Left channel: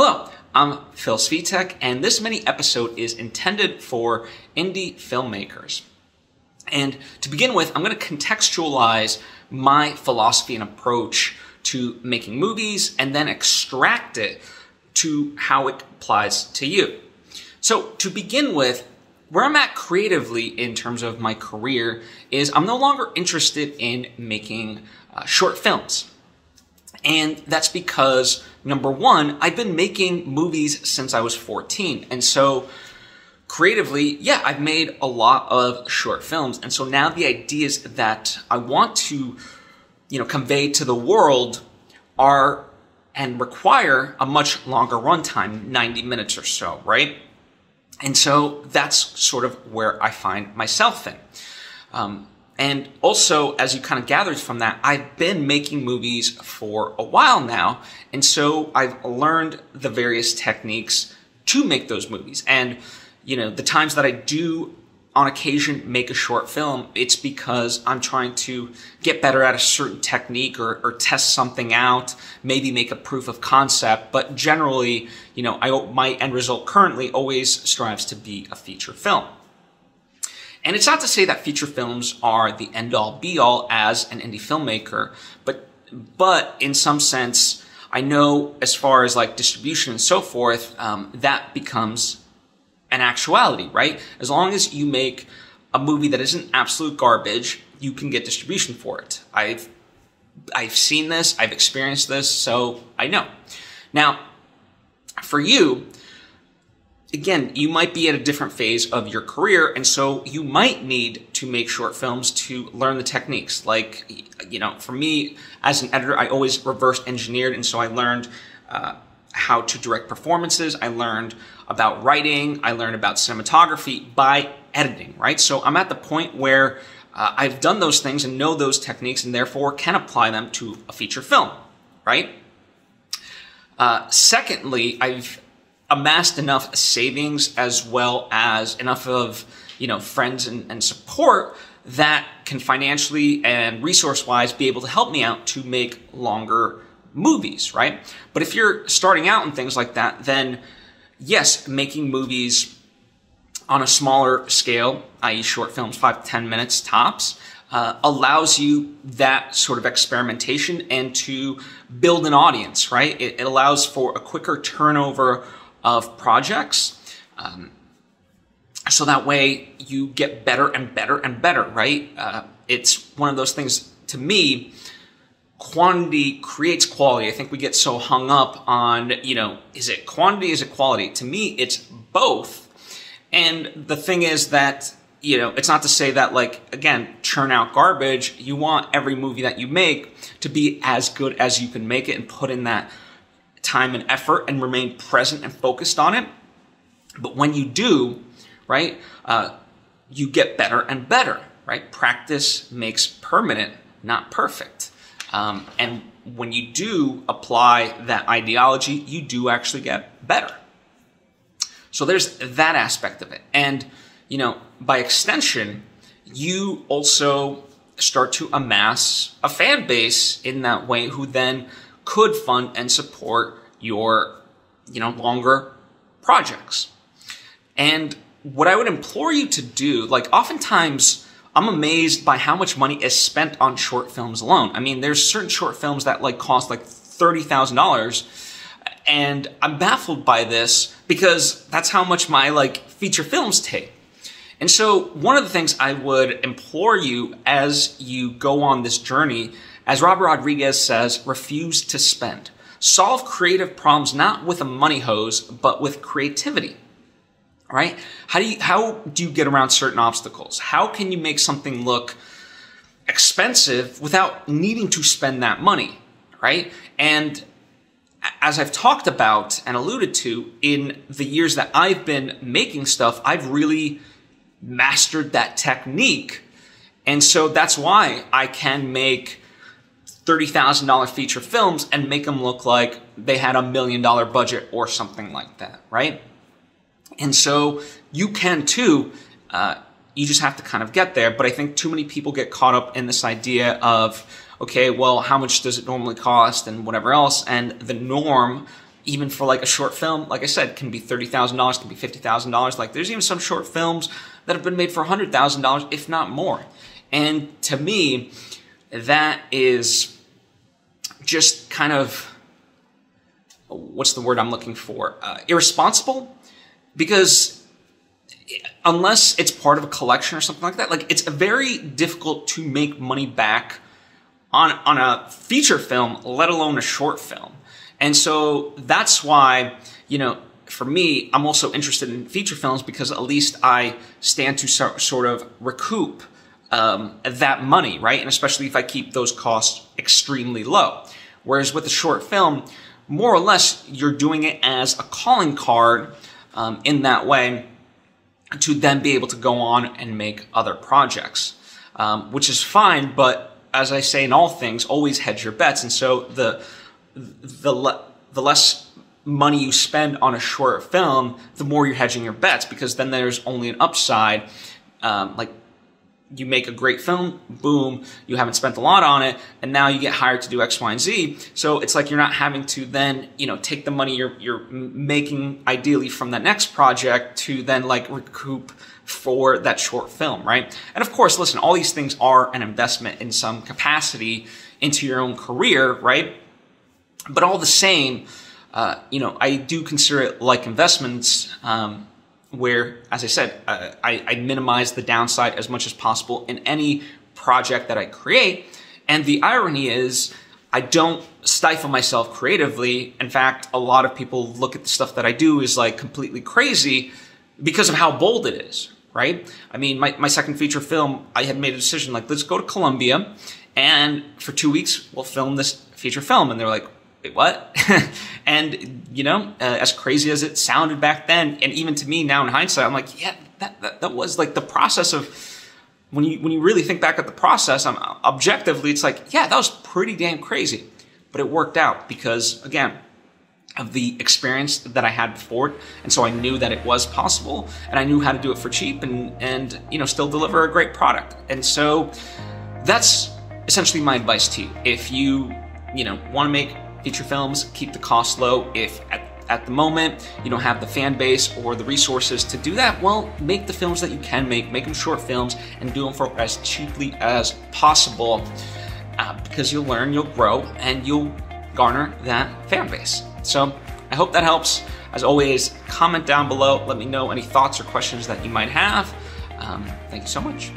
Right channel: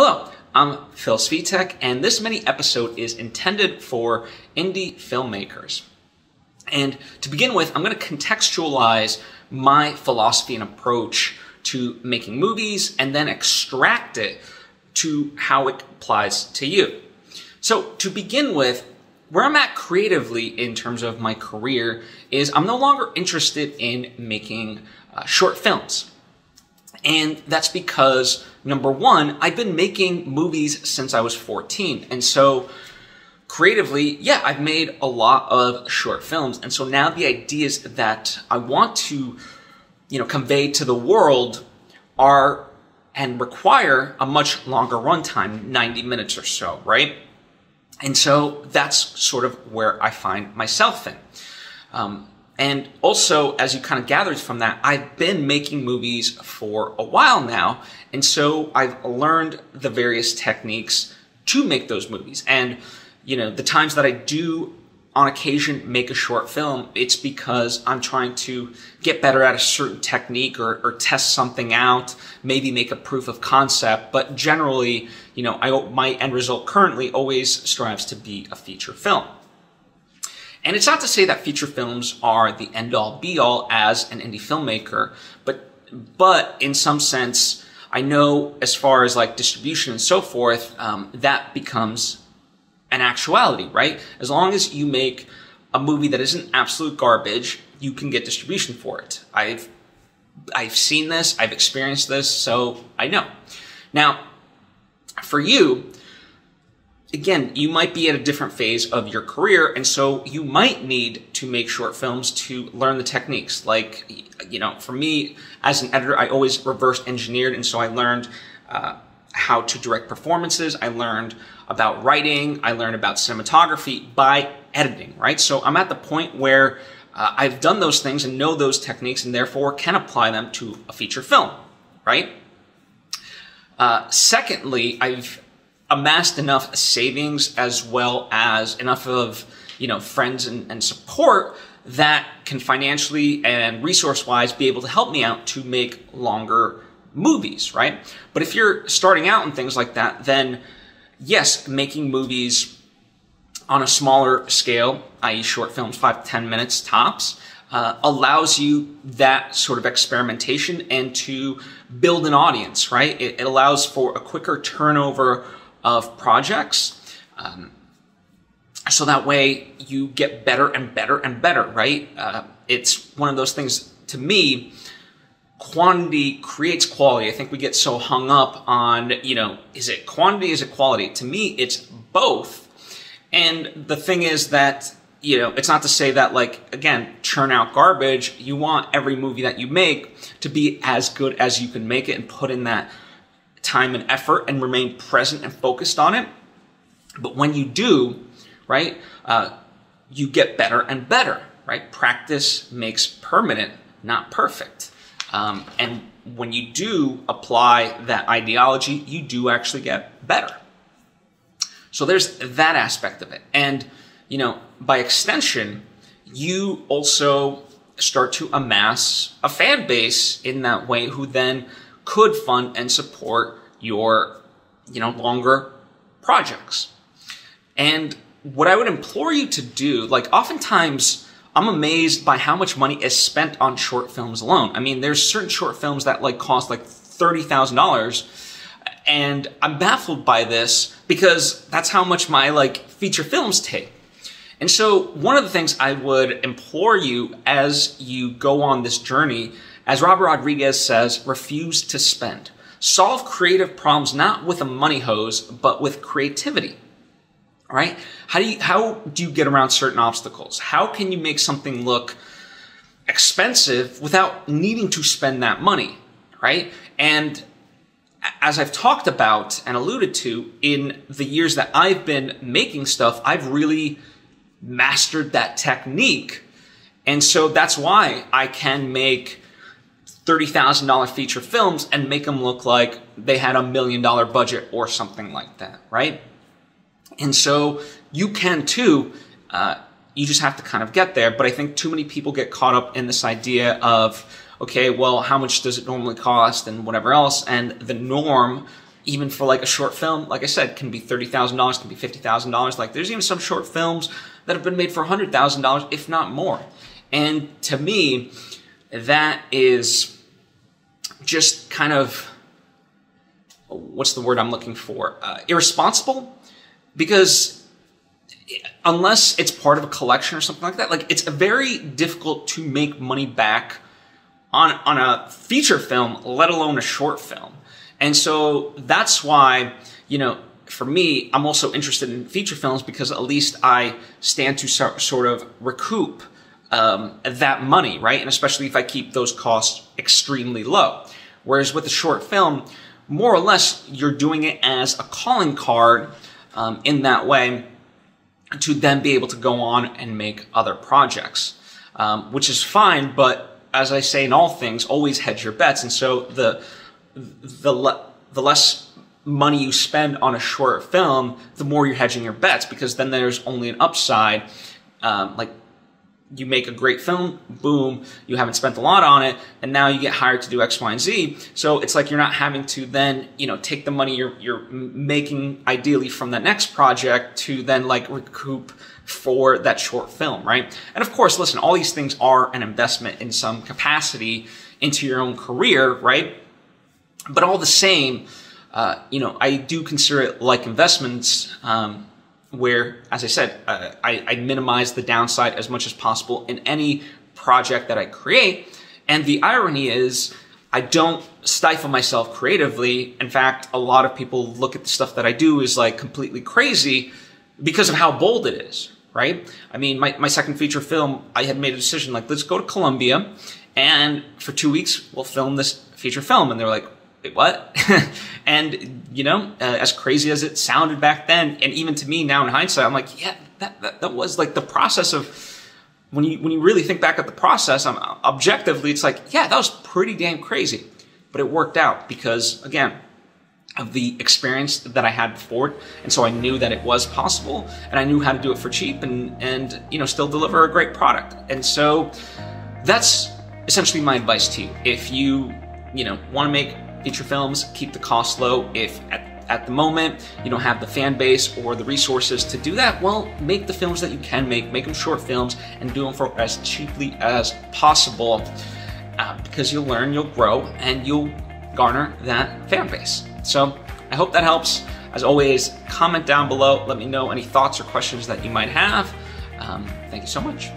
Hello, I'm Phil Svitek, and this mini episode is intended for indie filmmakers. And to begin with, I'm going to contextualize my philosophy and approach to making movies and then extract it to how it applies to you. So to begin with, where I'm at creatively in terms of my career is I'm no longer interested in making short films. And that's because, number one, I've been making movies since I was 14. And so creatively, yeah, I've made a lot of short films. And so now the ideas that I want to, convey to the world are and require a much longer runtime, 90 minutes or so, right? And so that's sort of where I find myself in. And also, as you kind of gathered from that, I've been making movies for a while now. And so I've learned the various techniques to make those movies. And, the times that I do on occasion make a short film, it's because I'm trying to get better at a certain technique or test something out, maybe make a proof of concept. But generally, my end result currently always strives to be a feature film. And it's not to say that feature films are the end-all, be-all as an indie filmmaker, but in some sense, I know as far as like distribution and so forth, that becomes an actuality, right? As long as you make a movie that isn't absolute garbage, you can get distribution for it. I've seen this, I've experienced this, so I know. Now, for you, again, you might be at a different phase of your career, and so you might need to make short films to learn the techniques. Like, for me, as an editor, I always reverse engineered, and so I learned how to direct performances. I learned about writing. I learned about cinematography by editing, right? So I'm at the point where I've done those things and know those techniques and therefore can apply them to a feature film, right? Secondly, I've amassed enough savings as well as enough of, friends and support that can financially and resource-wise be able to help me out to make longer movies, right? But if you're starting out and things like that, then yes, making movies on a smaller scale, i.e. short films, 5 to 10 minutes tops, allows you that sort of experimentation and to build an audience, right? It allows for a quicker turnover of projects, so that way you get better and better and better, right? It's one of those things, to me, quantity creates quality. I think we get so hung up on, is it quantity, is it quality? To me, it's both. And the thing is that, it's not to say that, again, churn out garbage. You want every movie that you make to be as good as you can make it and put in that time and effort and remain present and focused on it. But when you do, right, you get better and better, right? Practice makes permanent, not perfect. And when you do apply that ideology, you do actually get better. So there's that aspect of it. And, by extension, you also start to amass a fan base in that way who then could fund and support your, longer projects. And what I would implore you to do, oftentimes I'm amazed by how much money is spent on short films alone. I mean, there's certain short films that cost $30,000, and I'm baffled by this because that's how much my feature films take. And so one of the things I would implore you as you go on this journey, as Robert Rodriguez says, refuse to spend. Solve creative problems not with a money hose, but with creativity. All right? How do you get around certain obstacles? How can you make something look expensive without needing to spend that money, right? And as I've talked about and alluded to, in the years that I've been making stuff, I've really mastered that technique. And so that's why I can make $30,000 feature films and make them look like they had $1 million budget or something like that, right? And so you can too, you just have to kind of get there. But I think too many people get caught up in this idea of, okay, well, how much does it normally cost and whatever else? And the norm, even for like a short film, like I said, can be $30,000, can be $50,000. Like there's even some short films that have been made for $100,000, if not more. And to me, that is just kind of, what's the word I'm looking for? Irresponsible, because unless it's part of a collection or something like that, like it's very difficult to make money back on a feature film, let alone a short film. And so that's why, you know, for me, I'm also interested in feature films, because at least I stand to sort of recoup that money, right? And especially if I keep those costs extremely low. Whereas with a short film, more or less, you're doing it as a calling card in that way to then be able to go on and make other projects, which is fine. But as I say in all things, always hedge your bets. And so the less money you spend on a short film, the more you're hedging your bets, because then there's only an upside. Like you make a great film, boom, you haven't spent a lot on it, and now you get hired to do X, Y, and Z. So it's like you're not having to then, you know, take the money you're making ideally from the next project to then like recoup for that short film, right? And of course, listen, all these things are an investment in some capacity into your own career, right? But all the same, you know, I do consider it like investments, where, as I said, I minimize the downside as much as possible in any project that I create. And the irony is, I don't stifle myself creatively. In fact, a lot of people look at the stuff that I do as like completely crazy because of how bold it is, right? I mean, my second feature film, I had made a decision like, let's go to Colombia, and for 2 weeks, we'll film this feature film. And they're like, wait, what? And, you know, as crazy as it sounded back then, and even to me now in hindsight, I'm like, yeah, that was like the process of, when you really think back at the process, objectively, it's like, yeah, that was pretty damn crazy. But it worked out because, again, of the experience that I had before. And so I knew that it was possible, and I knew how to do it for cheap and you know, still deliver a great product. And so that's essentially my advice to you. If you know, want to make feature films, keep the cost low. If at the moment you don't have the fan base or the resources to do that, well, make the films that you can make them short films, and do them for as cheaply as possible, because you'll learn, you'll grow, and you'll garner that fan base. So I hope that helps. As always, comment down below, let me know any thoughts or questions that you might have. Thank you so much.